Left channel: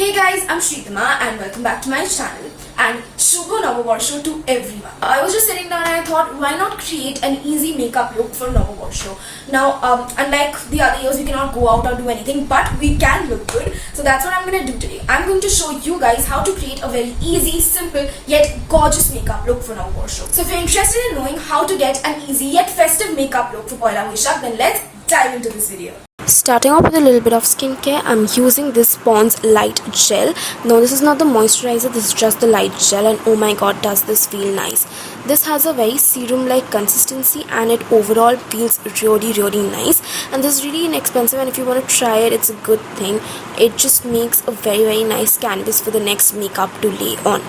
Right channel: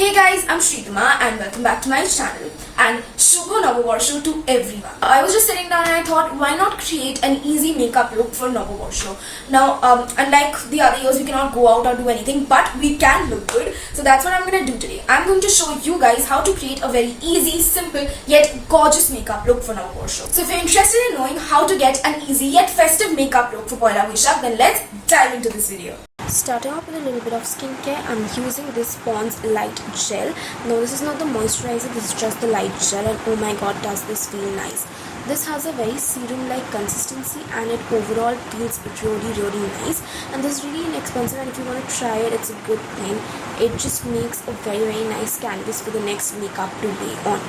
Hey guys, I'm Shridhima and welcome back to my channel and Shubho Novovarsho to everyone. I was just sitting down and I thought, why not create an easy makeup look for Novovarsho? Now, unlike the other years, we cannot go out or do anything, but we can look good. So that's what I'm going to do today. I'm going to show you guys how to create a very easy, simple, yet gorgeous makeup look for Novovarsho. So if you're interested in knowing how to get an easy yet festive makeup look for Poila Boishakh, then let's dive into this video. Starting off with a little bit of skincare, I'm using this Pond's Light Gel. Now this is not the moisturizer, this is just the light gel, and oh my god, does this feel nice. This has a very serum-like consistency and it overall feels really nice, and this is really inexpensive, and if you want to try it, it's a good thing. It just makes a very nice canvas for the next makeup to lay on.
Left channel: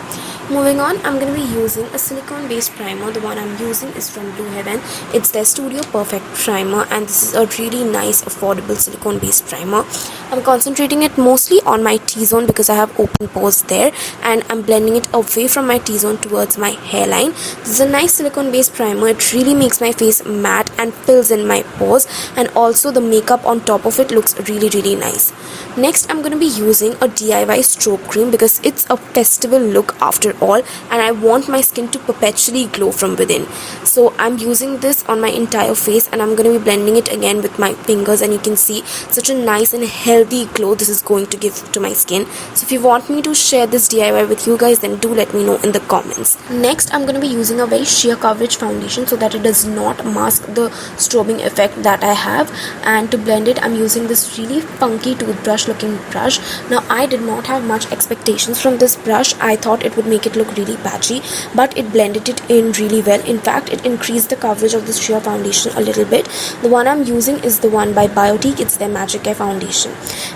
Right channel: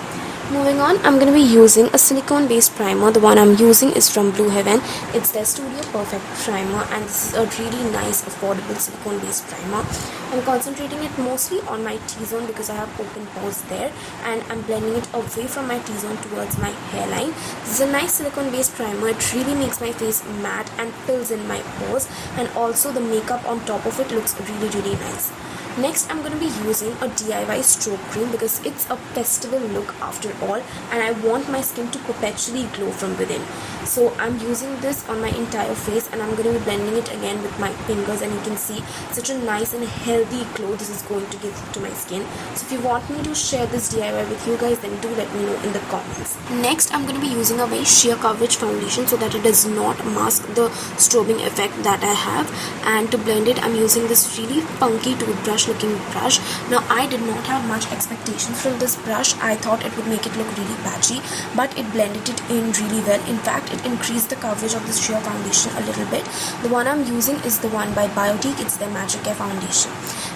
Moving on, I'm going to be using a silicone based primer. The one I'm using is from Blue Heaven. It's their Studio Perfect primer, and this is a really nice affordable silicone based primer. I'm concentrating it mostly on my T-zone because I have open pores there, and I'm blending it away from my T-zone towards my hairline. This is a nice silicone based primer. It really makes my face matte and fills in my pores, and also the makeup on top of it looks really nice. Next, I'm going to be using a DIY Strobe Cream because it's a festival look after all, and I want my skin to perpetually glow from within. So I'm using this on my entire face, and I'm going to be blending it again with my fingers, and you can see such a nice and healthy glow this is going to give to my skin. So if you want me to share this DIY with you guys, then do let me know in the comments. Next, I'm going to be using a very sheer coverage foundation so that it does not mask the strobing effect that I have, and to blend it, I'm using this really funky toothbrush looking brush. Now I did not have much expectations from this brush. I thought it would make it look really patchy, but it blended it in really well. In fact, it increased the coverage of this sheer foundation a little bit. The one I'm using is the one by Biotique. It's their Magiccare foundation.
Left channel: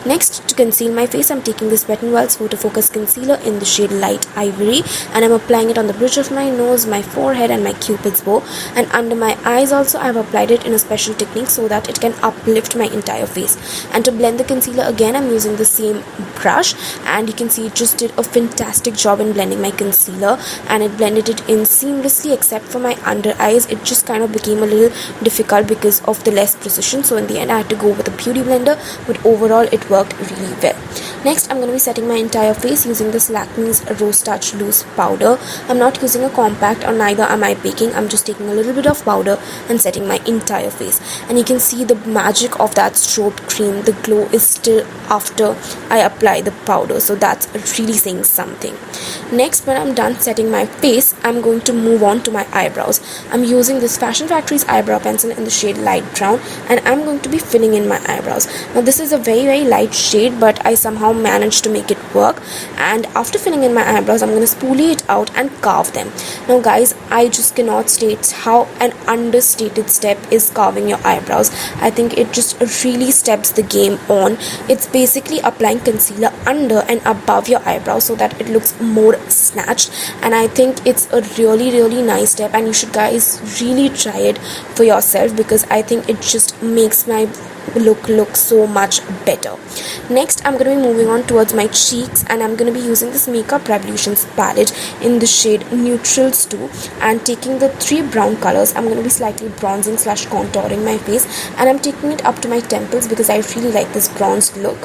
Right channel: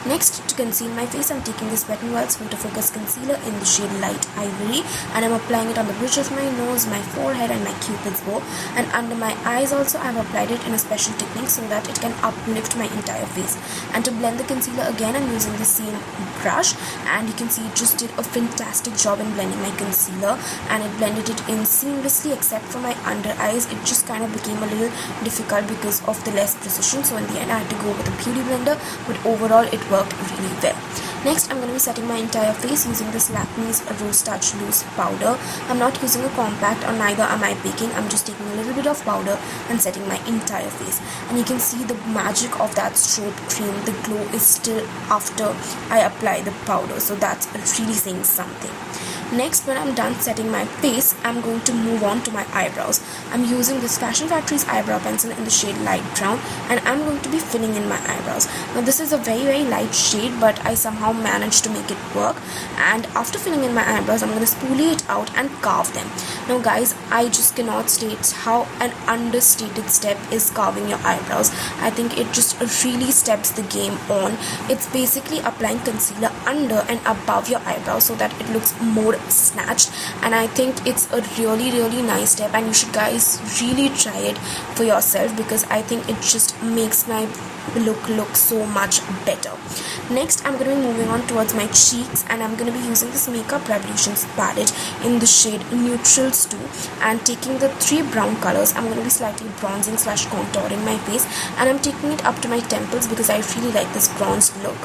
Next, to conceal my face, I'm taking this Wet n Wild's Photofocus concealer in the shade Light Ivory, and I'm applying it on the bridge of my nose, my forehead, and my cupid's bow, and under my eyes also. I've applied it in a special technique so that it can uplift my entire face. And to blend the concealer again, I'm using the same brush, and you can see it just did a fantastic job in blending my concealer, and it blended it in seamlessly except for my under eyes. It just kind of became a little difficult because of the less precision, so in the end I had to go with a beauty blender, but overall it worked really well. Next, I'm going to be setting my entire face using this Lakme's Rose Touch Loose powder. I'm not using a compact, or neither am I baking. I'm just taking a little bit of powder and setting my entire face, and you can see the magic of that strobe cream. The glow is still after I apply the powder, so that's really saying something. Next, when I'm done setting my face, I'm going to move on to my eyebrows. I'm using this Fashion Factory's eyebrow pencil in the shade Light Brown, and I'm going to be filling in my eyebrows. Now this is a very light shade, but I somehow managed to make it work, and after filling in my eyebrows, I'm going to spoolie it out and carve them. Now guys, I just cannot state how an understated step is carving your eyebrows. I think it just really steps the game on. It's basically applying concealer under and above your eyebrows so that it looks more snatched, and I think it's a really nice step, and you should guys really try it for yourself because I think it just makes my look so much better. Next, I'm going to be moving on towards my cheeks, and I'm going to be using this Makeup Revolutions palette in the shade Neutrals 2, and taking the 3 brown colors, I'm going to be slightly bronzing / contouring my face, and I'm taking it up to my temples because I really like this bronzed look.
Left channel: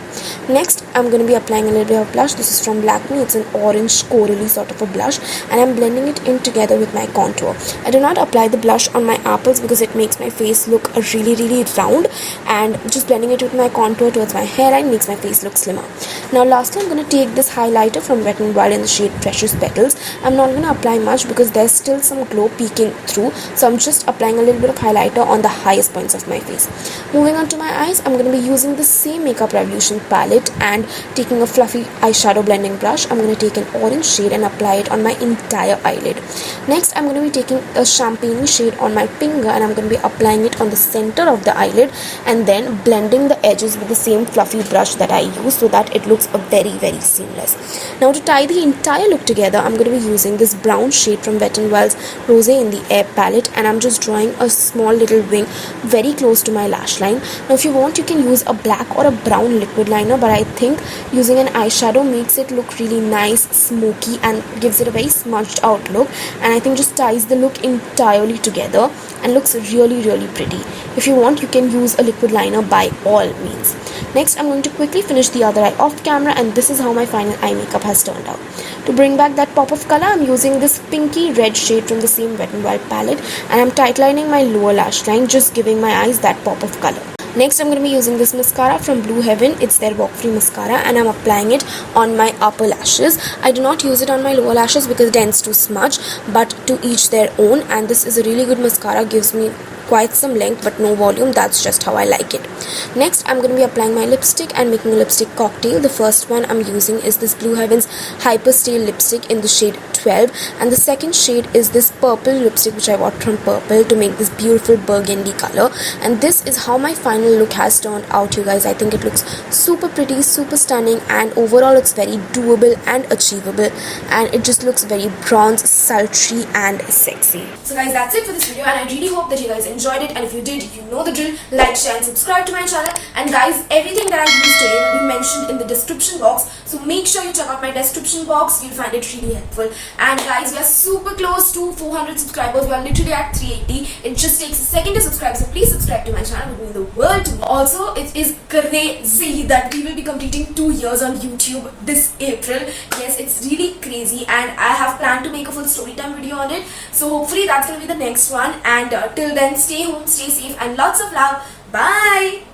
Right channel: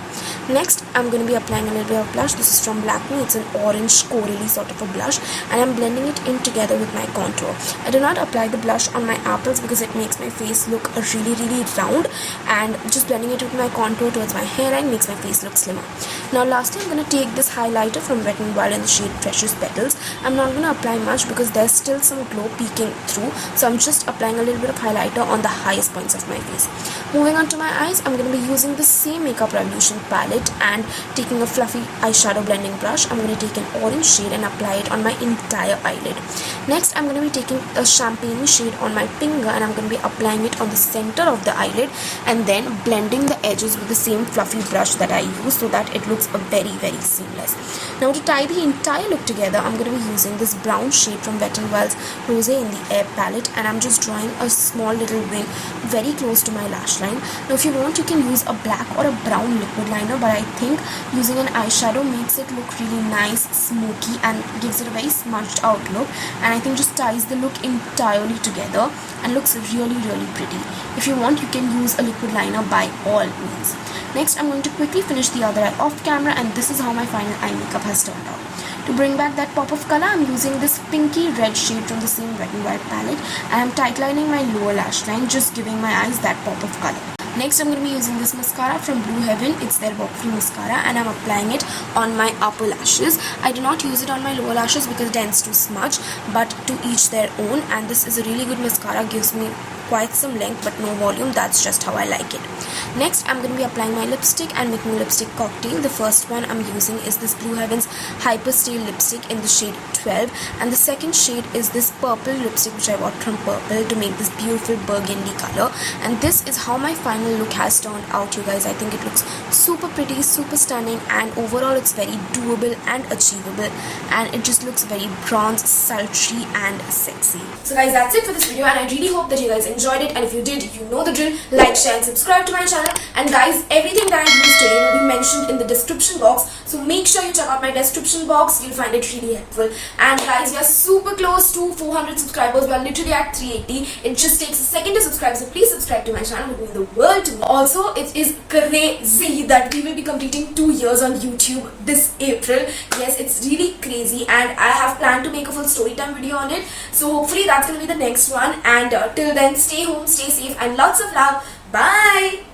Next, I'm going to be applying a little bit of blush. This is from Lakme. It's an orange corally sort of a blush, and I'm blending it in together with my contour. I do not apply the blush on my apples because it makes my face look really round, and just blending it with my contour towards my hairline makes my face look slimmer. Now lastly, I'm going to take this highlighter from Wet n Wild in the shade Precious Petals. I'm not going to apply much because there's still some glow peeking through, so I'm just applying a little bit of highlighter on the highest points of my face. Moving on to my eyes, I'm going to be using the same Makeup Revolution palette and taking a fluffy eyeshadow blending brush. I'm going to take an orange shade and apply it on my entire eyelid. Next, I'm going to be taking a champagne shade on my finger, and I'm going to be applying it on the center of the eyelid, and then blending the edges with the same fluffy brush that I use so that it looks very seamless. Now to tie the entire look together, I'm going to be using this brown shade from Wet n Wild's Rose in the Air palette, and I'm just drawing a small little wing very close to my lash line. Now if you want, you can use a black or a brown liquid liner, but I think using an eyeshadow makes it look really nice, smoky, and gives it a very smudged out look, and I think just ties the look entirely together and looks really pretty. If you want, you can use a liquid liner by all means. Next, I'm going to quickly finish the other eye off camera, and this is how my final eye makeup has turned out. To bring back that pop of color, I'm using this pinky red shade from the same Wet n Wild palette, and I'm tightlining my lower lash line, just giving my eyes that pop of color. Next, I'm going to be using this mascara from Blue Heaven. It's their Walk Free mascara, and I'm applying it on my upper lashes. I do not use it on my lower lashes because it tends to smudge, but to each their own. And this is a really good mascara, gives me quite some length but no volume. That's just how I like it. Next, I'm going to be applying my lipstick and making a lipstick cocktail. The first one I'm using is this Blue Heaven's Hyper Stay lipstick in the shade 12, and the second shade is this purple lipstick which I bought from Purple to make this beautiful burgundy color. And this is how my final look has turned out, you guys. I think it looks super pretty, super stunning, and overall it's very doable and achievable, and it just looks very bronze, sultry and sexy. So guys, that's it for this video, and I really hope that you guys enjoyed it, and if you did, you know the drill. Like, share and subscribe to my channel. And guys, everything that I used today will be mentioned in the description box, so make sure you check out my description box. You'll find it really helpful. And guys, we are super close to 400 subscribers. We are literally at 380. It just takes a second to subscribe, so please subscribe to my channel. It means the world to me. Also, it is crazy that we will be completing 2 years on YouTube this April. Yes, it's really crazy, and I have planned to make a full story time video on it, so hopefully that's going to be the next one. And till then, stay home, stay safe, and lots of love. Bye.